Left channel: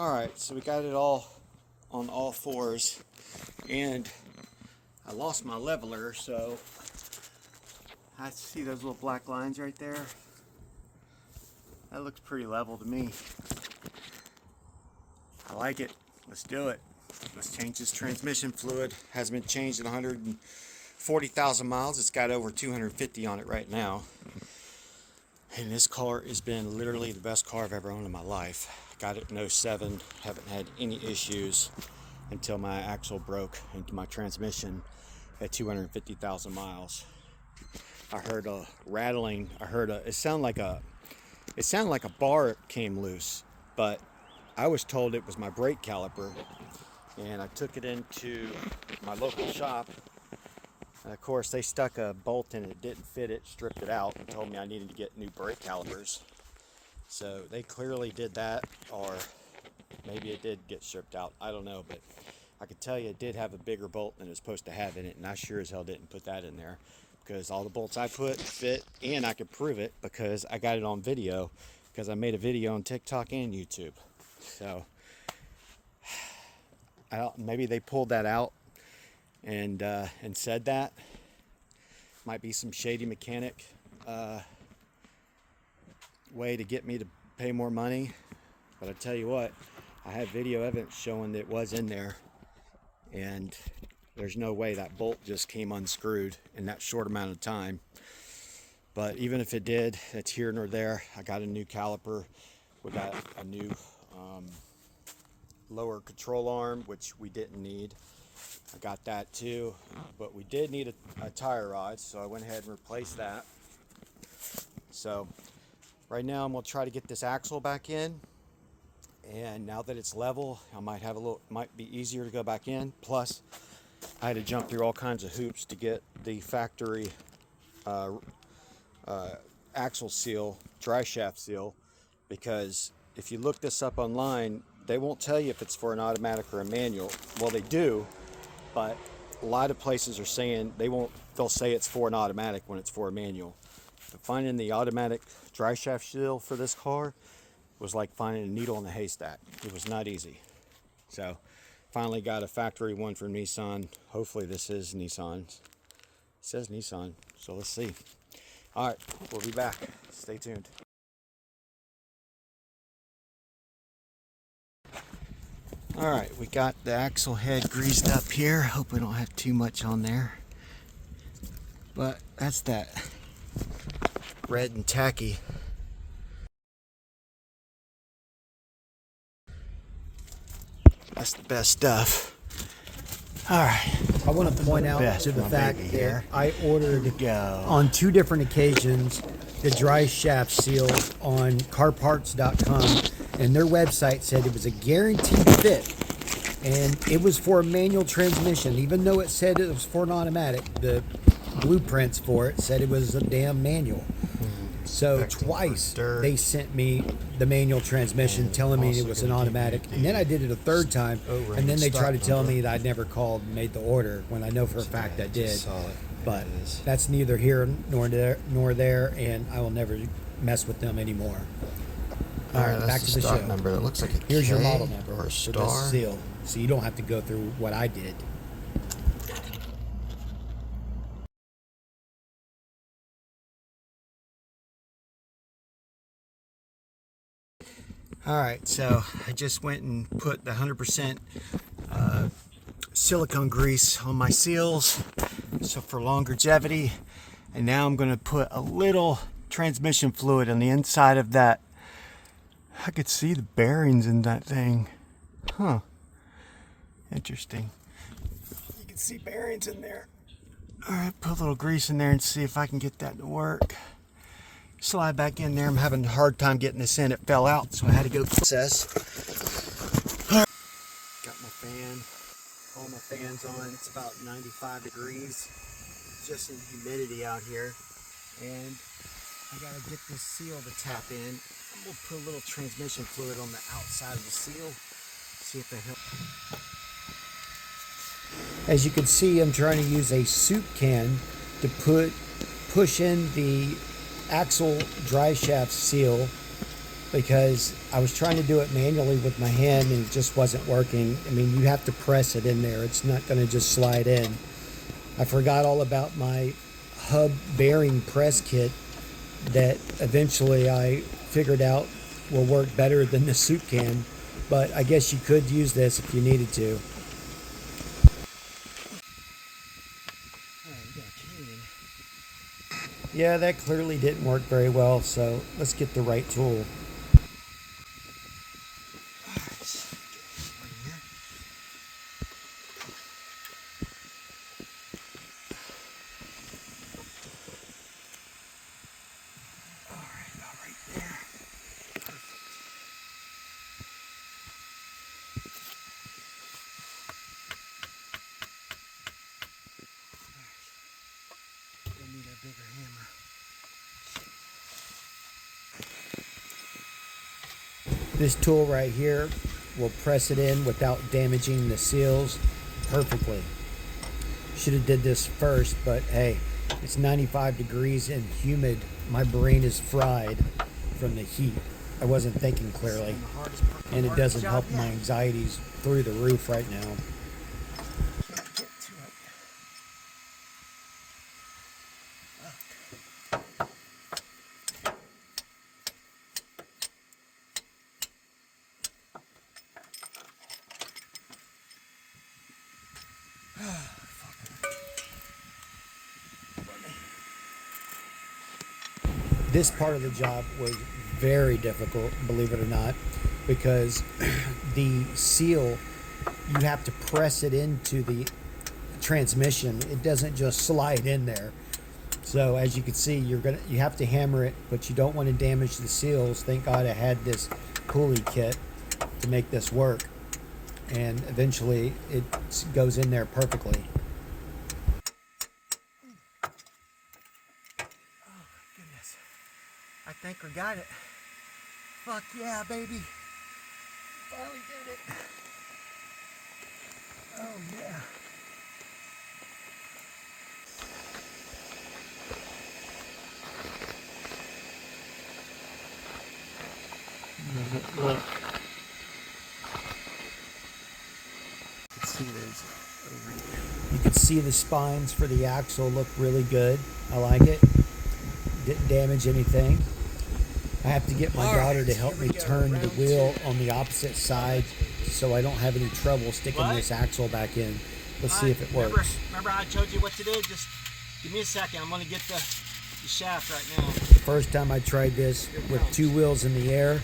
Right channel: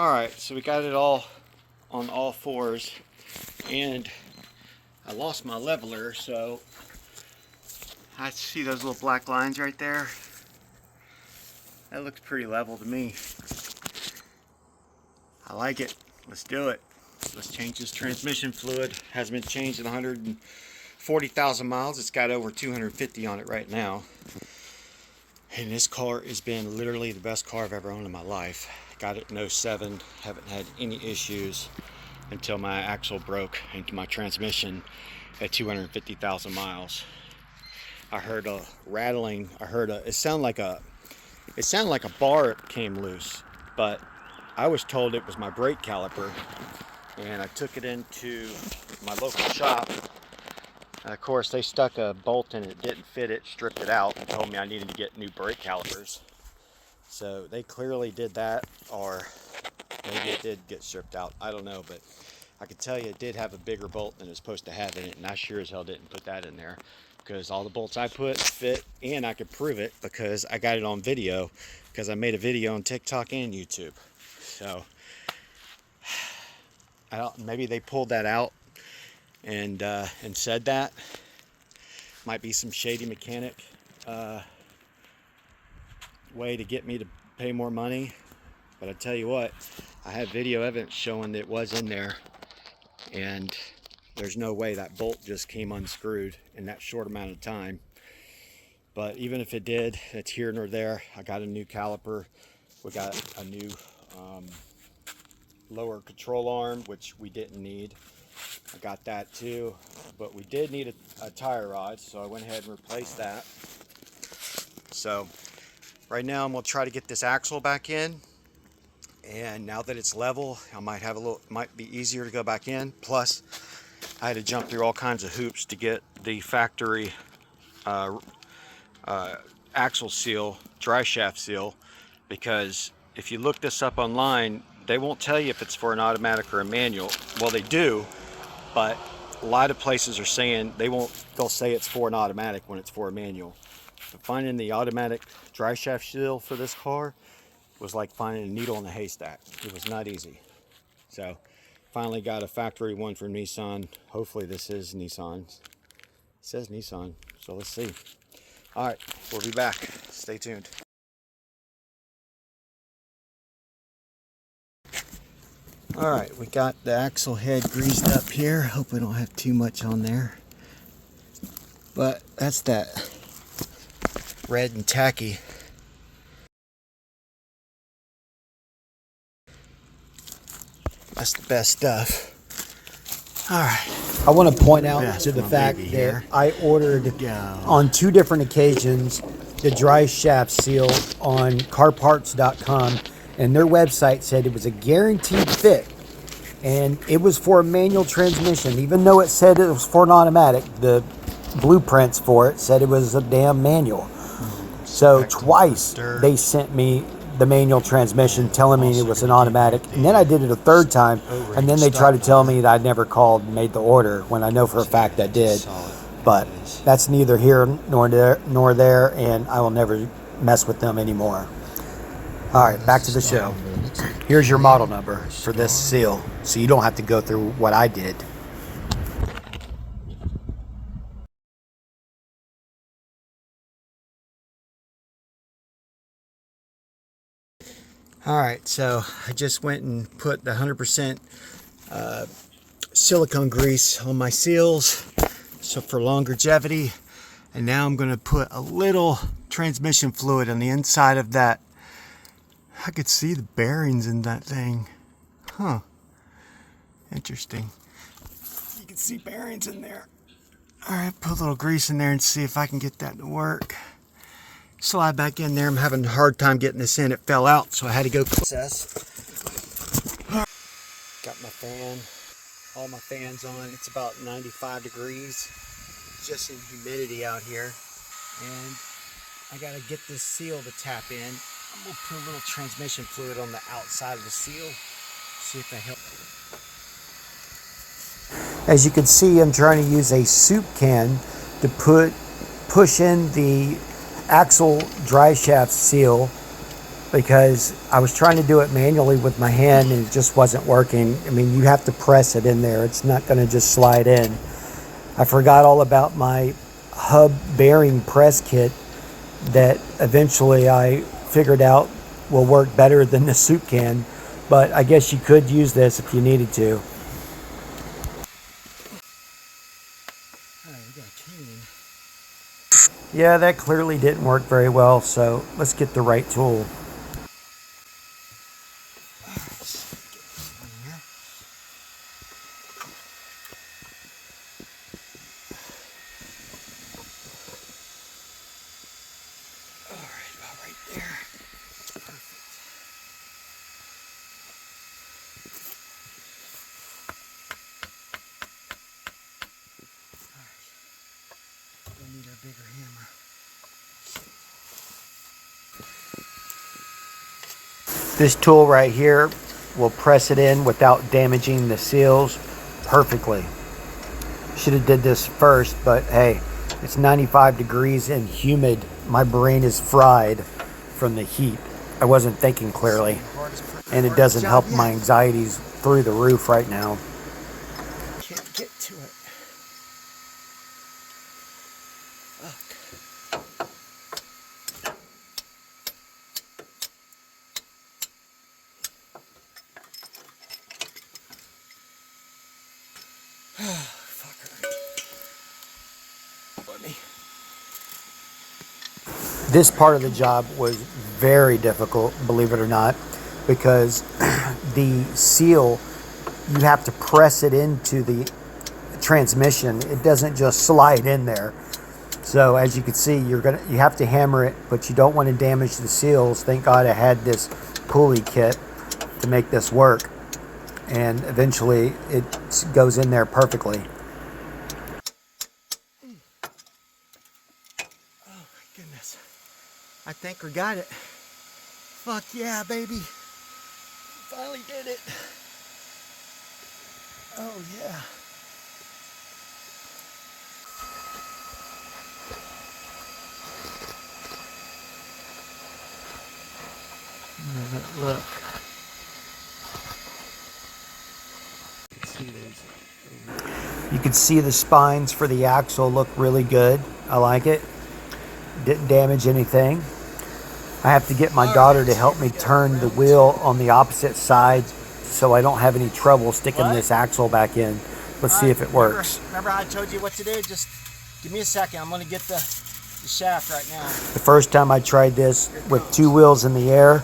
Alright, so we got it all on all fours, and I lost my leveler, so I see those little black lines right there. That looks pretty level to me. I like it. Let's do it. Let's change this transmission fluid. Hasn't been changed in 140,000 miles. It's got over 250 on it right now. And this car has been literally the best car I've ever owned in my life. Got it in 07. Haven't had any issues until my axle broke into my transmission at 250,000 miles. I heard a rattling. It sounded like a bar came loose, but I was told it was my brake caliper, and I took it into my local shop. And of course, they stuck a bolt in it, didn't fit it, stripped it out, and told me I needed to get new brake calipers. So they clearly did that, or maybe it did get stripped out. I don't know, but I can tell you it did have a bigger bolt than it's supposed to have in it, and I sure as hell didn't put that in there, because all the bolts I put fit, and I could prove it because I got it on video, because I made a video on TikTok and YouTube. So maybe they pulled that out and said that. Might be some shady mechanic way to get me to pay more money, but I tell you what, I have video evidence showing that it was in there, and there's no way that bolt just came unscrewed in that short amount of time. But even if it did, it's here nor there. I got a new caliper. We got a new lower control arm, which we didn't need. I got that too, but we did need a tire rod, so I went ahead and replaced that. So right now I'm gonna try to get this axle back in, and now that it's level, I might be easier to go back in. Plus, I had to jump through all kinds of hoops to get the factory axle seal, dry shaft seal, because if you look this up online, they won't tell you if it's for an automatic or a manual. Well, they do, but a lot of places are saying they'll say it's for an automatic when it's for a manual. But finding the automatic dry shaft seal for this car was like finding a needle in a haystack. It was not easy. So finally got a factory one from Nissan. Hopefully this is Nissan. It says Nissan, so let's see. All right, we'll be back. Stay tuned. All right, we got the axle head greased up here. Hope we don't have too much on there. But that's that red and tacky. That's the best stuff. All right. I want to point out to the fact that I ordered on 2 different occasions the dry shaft seal on carparts.com, and their website said it was a guaranteed fit, and it was for a manual transmission. Even though it said it was for an automatic, the blueprints for it said it was a damn manual. So twice they sent me the manual transmission telling me it was an automatic, and then I did it a 3rd time, and then they tried to tell me that I never called and made the order, when I know for a fact I did. But that's neither here nor there, and I will never mess with them anymore. All right, back to the show. Here's your model number for this seal, so you don't have to go through what I did. All right, so I just went and put the 100% silicone grease on my seals, so for longevity. And now I'm going to put a little transmission fluid on the inside of that. I could see the bearings in that thing. Huh. Interesting. You can see bearings in there. All right, put a little grease in there and see if I can get that to work. Slide back in there. I'm having a hard time getting this in. It fell out, so I had to go process. Got my fan, all my fans on. It's about 95 degrees. Just in humidity out here. And I gotta get this seal to tap in. I'm gonna put a little transmission fluid on the outside of the seal. See if that helps. As you can see, I'm trying to use a soup can to push in the axle dry shaft seal because I was trying to do it manually with my hand and it just wasn't working. I mean, you have to press it in there. It's not going to just slide in. I forgot all about my hub bearing press kit that eventually I figured out will work better than the soup can, but I guess you could use this if you needed to. All right, we got a cane. Yeah, that clearly didn't work very well, so let's get the right tool. Need a bigger hammer. This tool right here will press it in without damaging the seals perfectly. Should have did this first, but hey, it's 95 degrees and humid. My brain is fried from the heat. I wasn't thinking clearly, and it doesn't help my anxieties through the roof right now. Can't get to it. This part of the job was very difficult, believe it or not, because the seal, you have to press it into the transmission. It doesn't just slide in there. So as you can see, you have to hammer it, but you don't want to damage the seals. Thank God I had this pulley kit to make this work, and eventually it goes in there perfectly. Oh my goodness. I think we got it. Fuck yeah, baby. Finally did it. Oh yeah. Look. You can see the spines for the axle look really good. I like it. Didn't damage anything. I have to get my daughter to help me turn the wheel on the opposite side so I don't have any trouble sticking this axle back in. Let's see if it works. Remember how I told you what to do? Just give me a second. I'm going to get the shaft right now. The first time I tried this with two wheels in the air,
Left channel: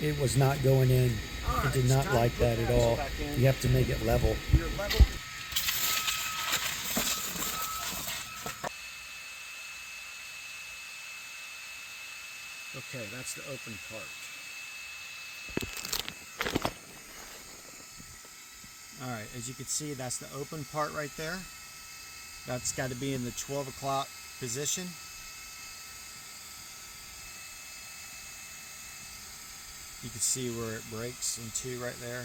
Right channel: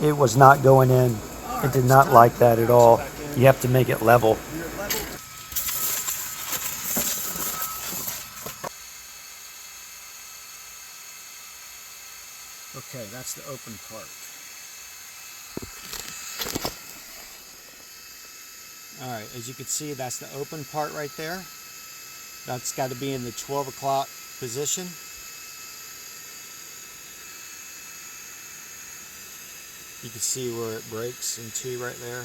it was not going in. It did not like that at all. You have to make it level. Okay, that's the open part. All right, as you can see, that's the open part right there. That's got to be in the 12 o'clock position. You can see where it breaks in two right there.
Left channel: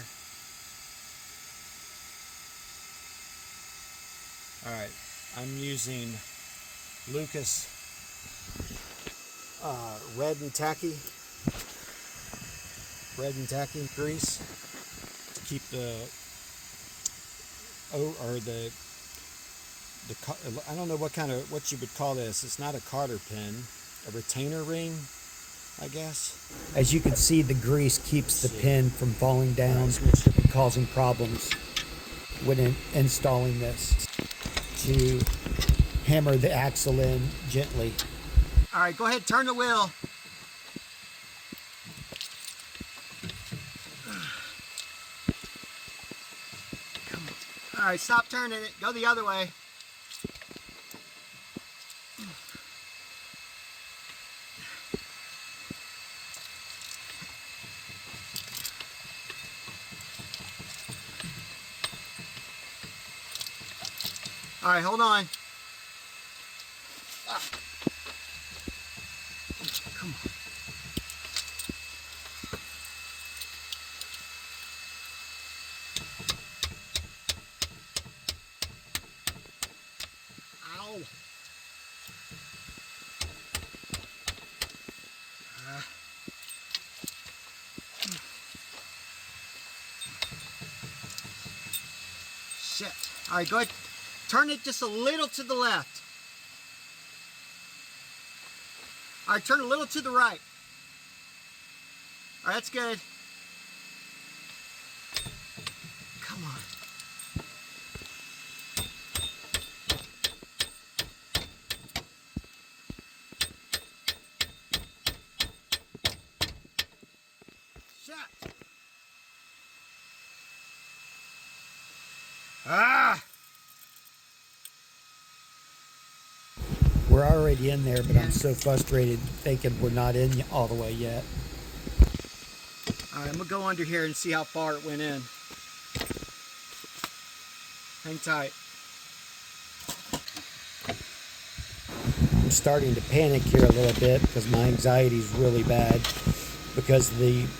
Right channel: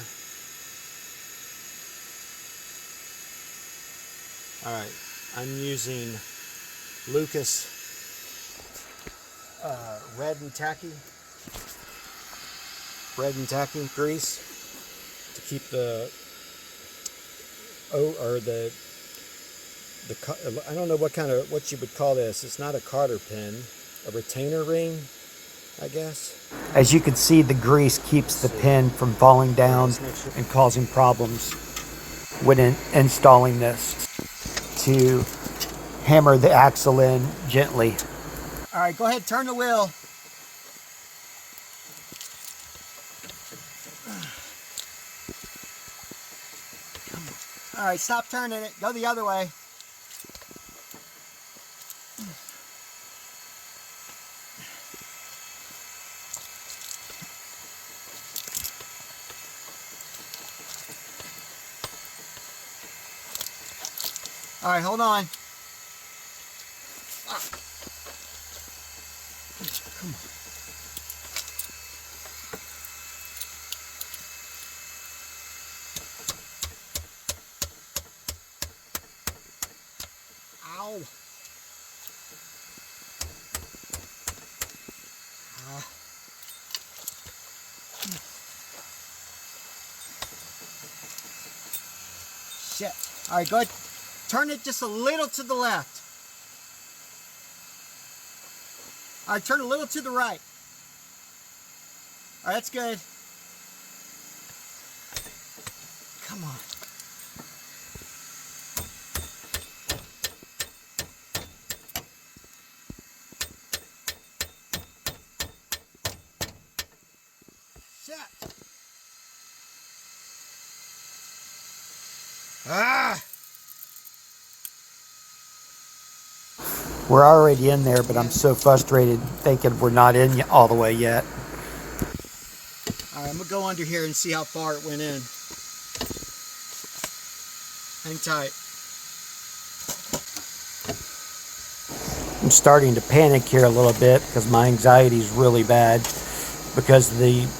All right, I'm using Lucas red and tacky grease to keep the I don't know what you would call this. It's not a cotter pin, a retainer ring, I guess. As you can see, the grease keeps the pin from falling down and causing problems when installing this. To hammer the axle in gently. All right, go ahead, turn the wheel. All right, stop turning it. Go the other way. All right, hold on. Come on. Ow. shit. All right, go ahead. Turn it just a little to the left. All right, turn a little to the right. All right, that's good. Come on. Shit. Ah! We're already in there, but I'm so frustrated thinking we're not in all the way yet. All right, I'm gonna go under here and see how far it went in. Hang tight. I'm starting to panic here a little bit because my anxiety is really bad because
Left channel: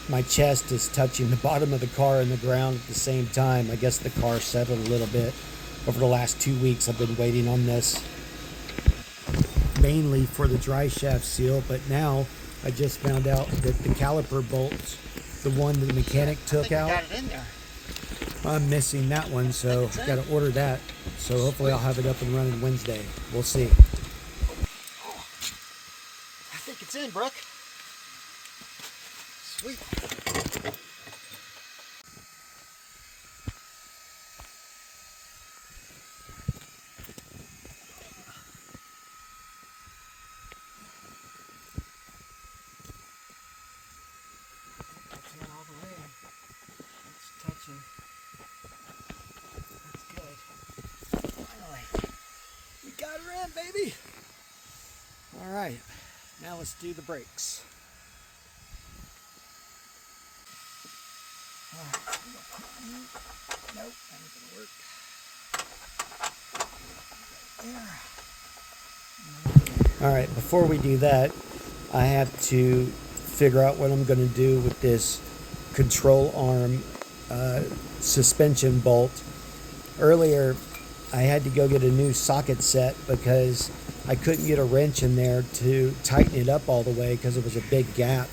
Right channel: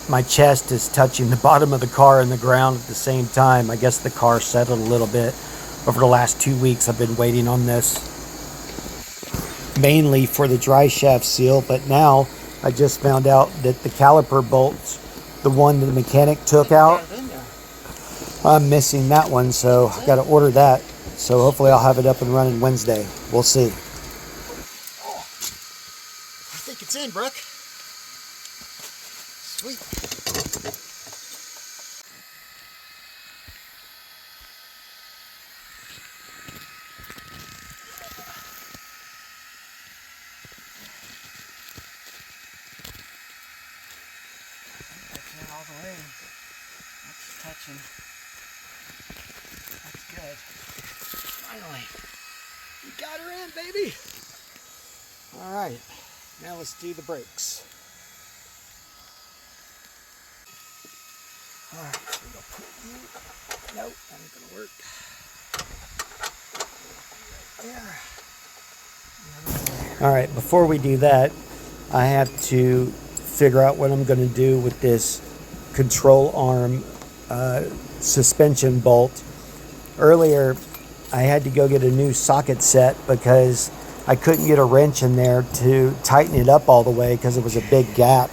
my chest is touching the bottom of the car and the ground at the same time. I guess the car settled a little bit. Over the last 2 weeks, I've been waiting on this, mainly for the dry shaft seal, but now I just found out that the caliper bolts, the one that the mechanic took out, I'm missing that one, so I got to order that. So hopefully I'll have it up and running Wednesday. We'll see. Oh, I think it's in, Brooke. Sweet. All the way. That's touching. That's good. Finally. We got her in, baby. All right. Now let's do the brakes. All right. I'm gonna put you. Nope, that ain't gonna work. Right there. All right. Before we do that, I have to figure out what I'm going to do with this control arm suspension bolt. Earlier, I had to go get a new socket set because I couldn't get a wrench in there to tighten it up all the way because it was a big gap.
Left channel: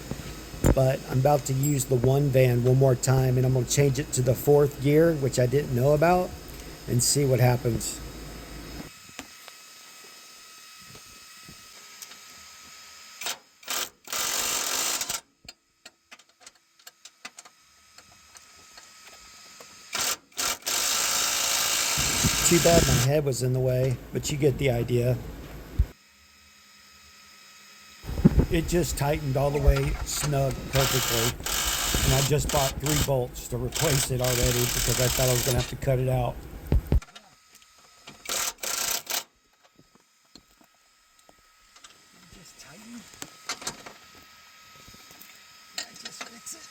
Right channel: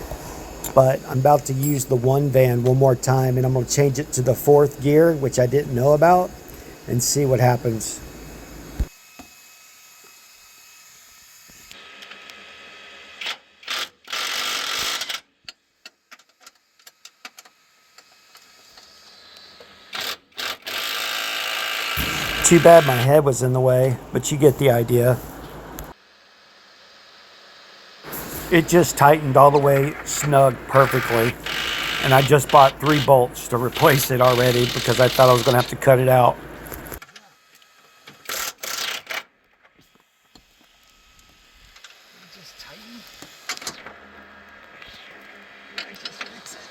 But I'm about to use the one van one more time, and I'm going to change it to the 4th gear, which I didn't know about, and see what happens. Too bad my head was in the way, but you get the idea. It just tightened all the way snug perfectly. And I just bought 3 bolts to replace it already because I thought I was going to have to cut it out. Just tighten. Just fix it.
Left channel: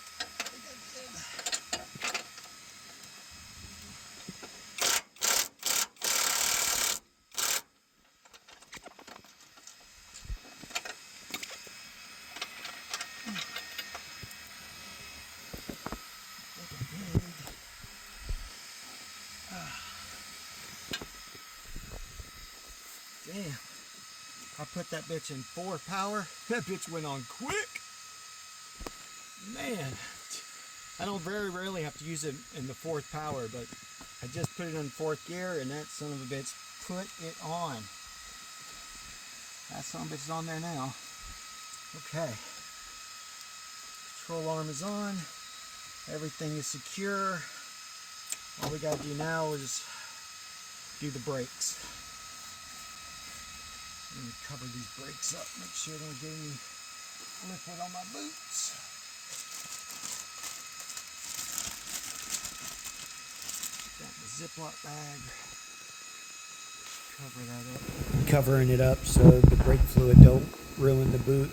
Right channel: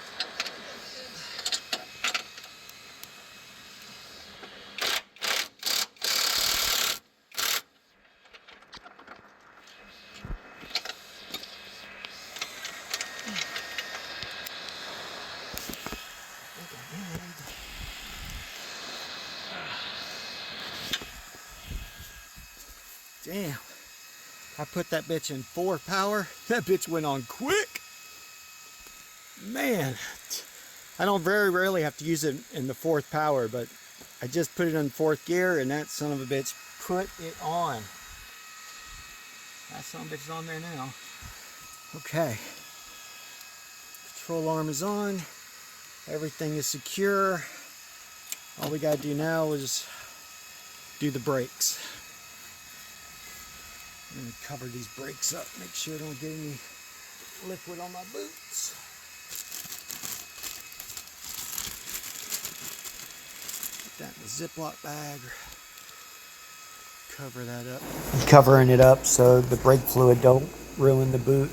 Damn, I put that bitch in 4 power. That bitch went on quick. Man, I don't very rarely have to use it in the 4th power, but I just put it in 4th gear and that son of a bitch put it on. That son of a bitch is on there now. Okay. Control arm is on. Everything is secure. All we gotta do now is do the brakes. I'm going to cover these brakes up, make sure I don't get any liquid on my boots. Put that in the Ziploc bag. Cover that up. I'm covering it up so the brake fluid don't ruin the boot.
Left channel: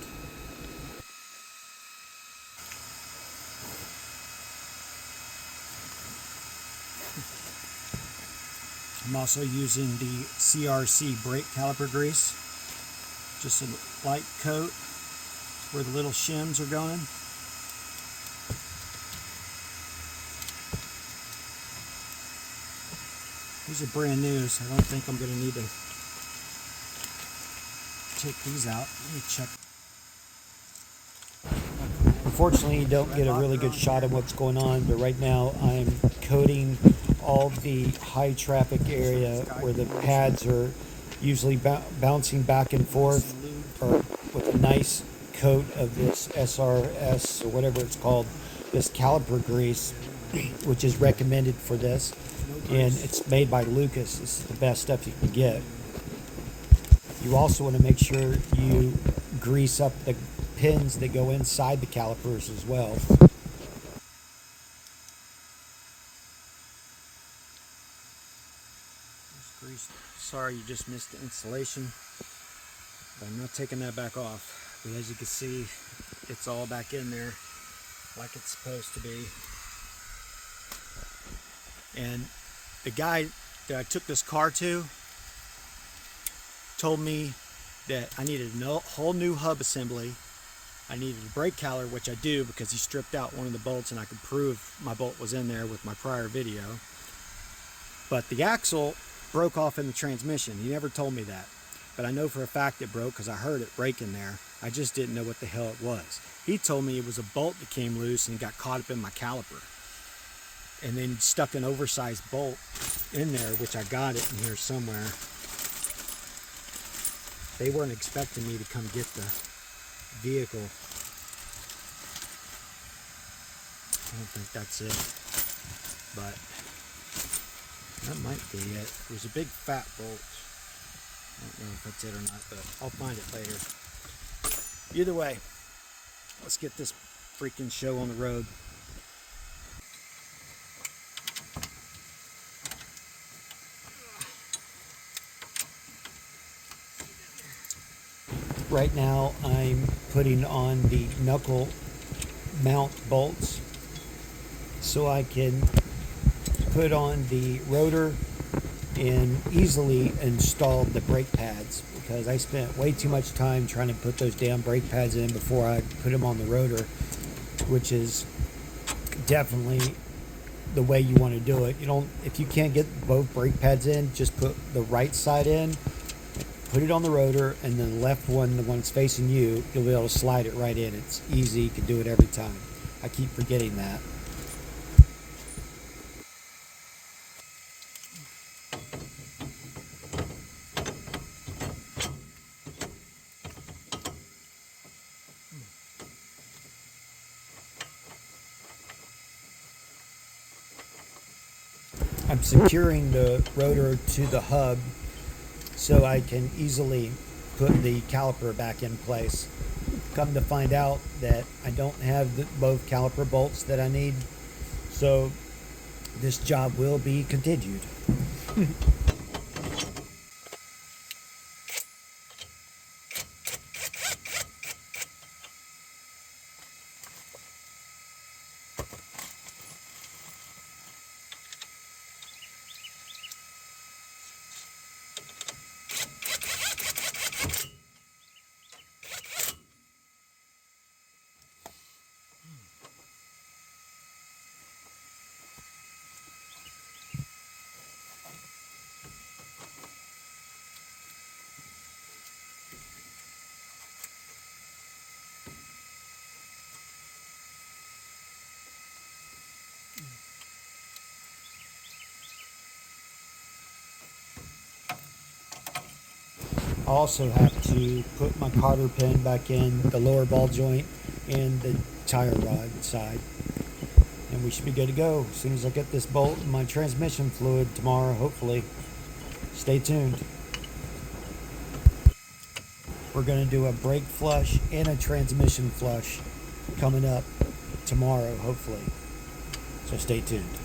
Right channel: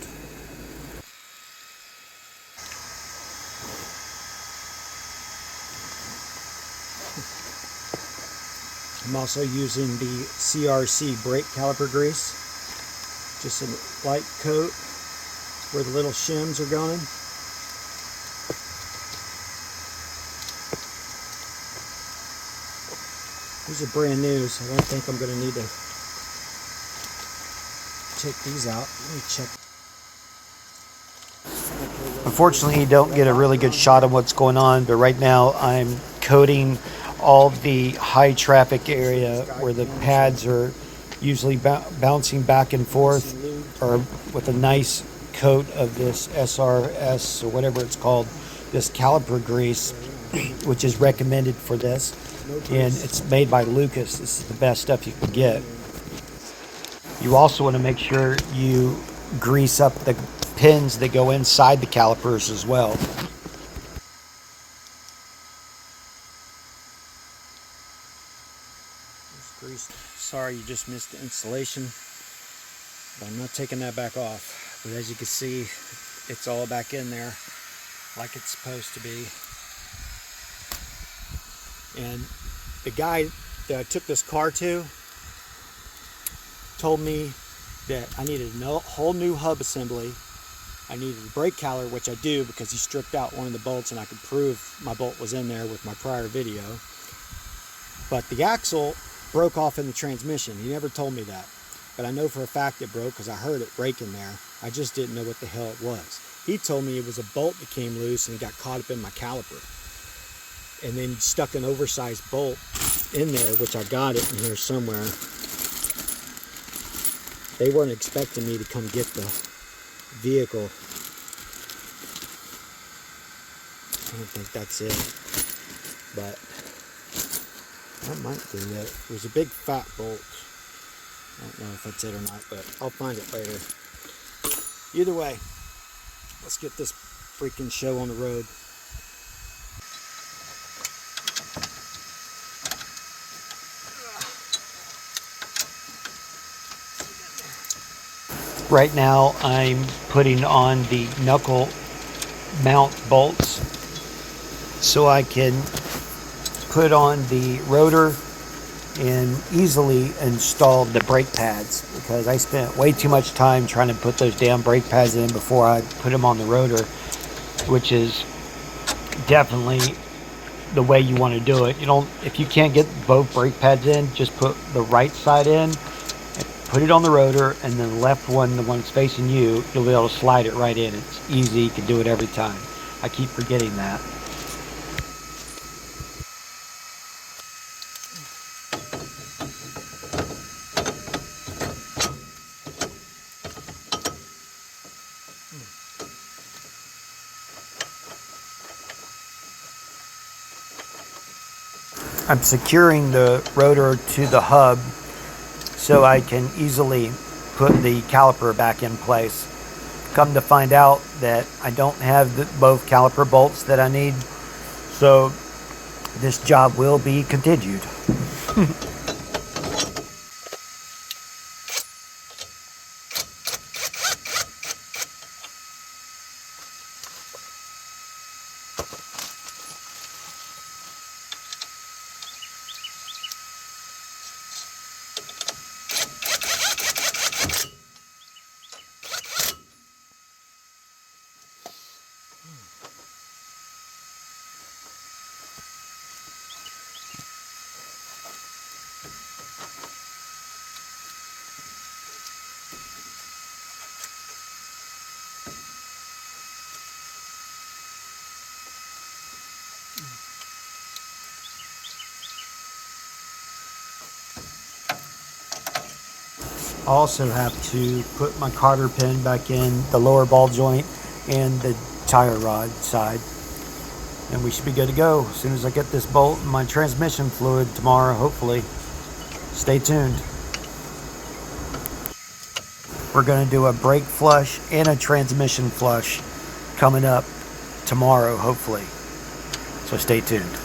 I'm also using the CRC brake caliper grease. Just a light coat where the little shims are going. These are brand new, so I don't think I'm going to need to take these out. Let me check. Unfortunately, you don't get a really good shot of what's going on, but right now I'm coating all the high traffic area where the pads are usually bouncing back and forth, or with a nice coat of this SRS or whatever it's called, this caliper grease, which is recommended for this, and it's made by Lucas. This is the best stuff you can get. You also want to make sure you grease up the pins that go inside the calipers as well. Sorry, you just missed the installation, but I'm not taking that back off. But as you can see, it's all back in there like it's supposed to be. And the guy that I took this car to told me that I needed a whole new hub assembly. I needed a brake caliper, which I do because he stripped out one of the bolts and I could prove my bolt was in there with my prior video. But the axle broke off in the transmission. He never told me that, but I know for a fact it broke because I heard it breaking there. I just didn't know what the hell it was. He told me it was a bolt that came loose and got caught up in my caliper, and then stuck an oversized bolt in there, which I got it in here somewhere. They weren't expecting me to come get the vehicle. I don't think that's it, but that might be it. It was a big fat bolt. I don't know if that's it or not, but I'll find it later. Either way, let's get this freaking show on the road. Right now I'm putting on the knuckle mount bolts so I can put on the rotor and easily install the brake pads, because I spent way too much time trying to put those damn brake pads in before I put them on the rotor, which is definitely the way you want to do it. You don't, if you can't get both brake pads in, just put the right side in, put it on the rotor, and then the left one, the one that's facing you, you'll be able to slide it right in. It's easy, you can do it every time. I keep forgetting that. I'm securing the rotor to the hub so I can easily put the caliper back in place. Come to find out that I don't have both caliper bolts that I need, so this job will be continued. I also have to put my cotter pin back in the lower ball joint and the tire rod side, and we should be good to go as soon as I get this bolt in my transmission fluid tomorrow, hopefully. Stay tuned. We're going to do a brake flush and a transmission flush coming up tomorrow, hopefully, so stay tuned.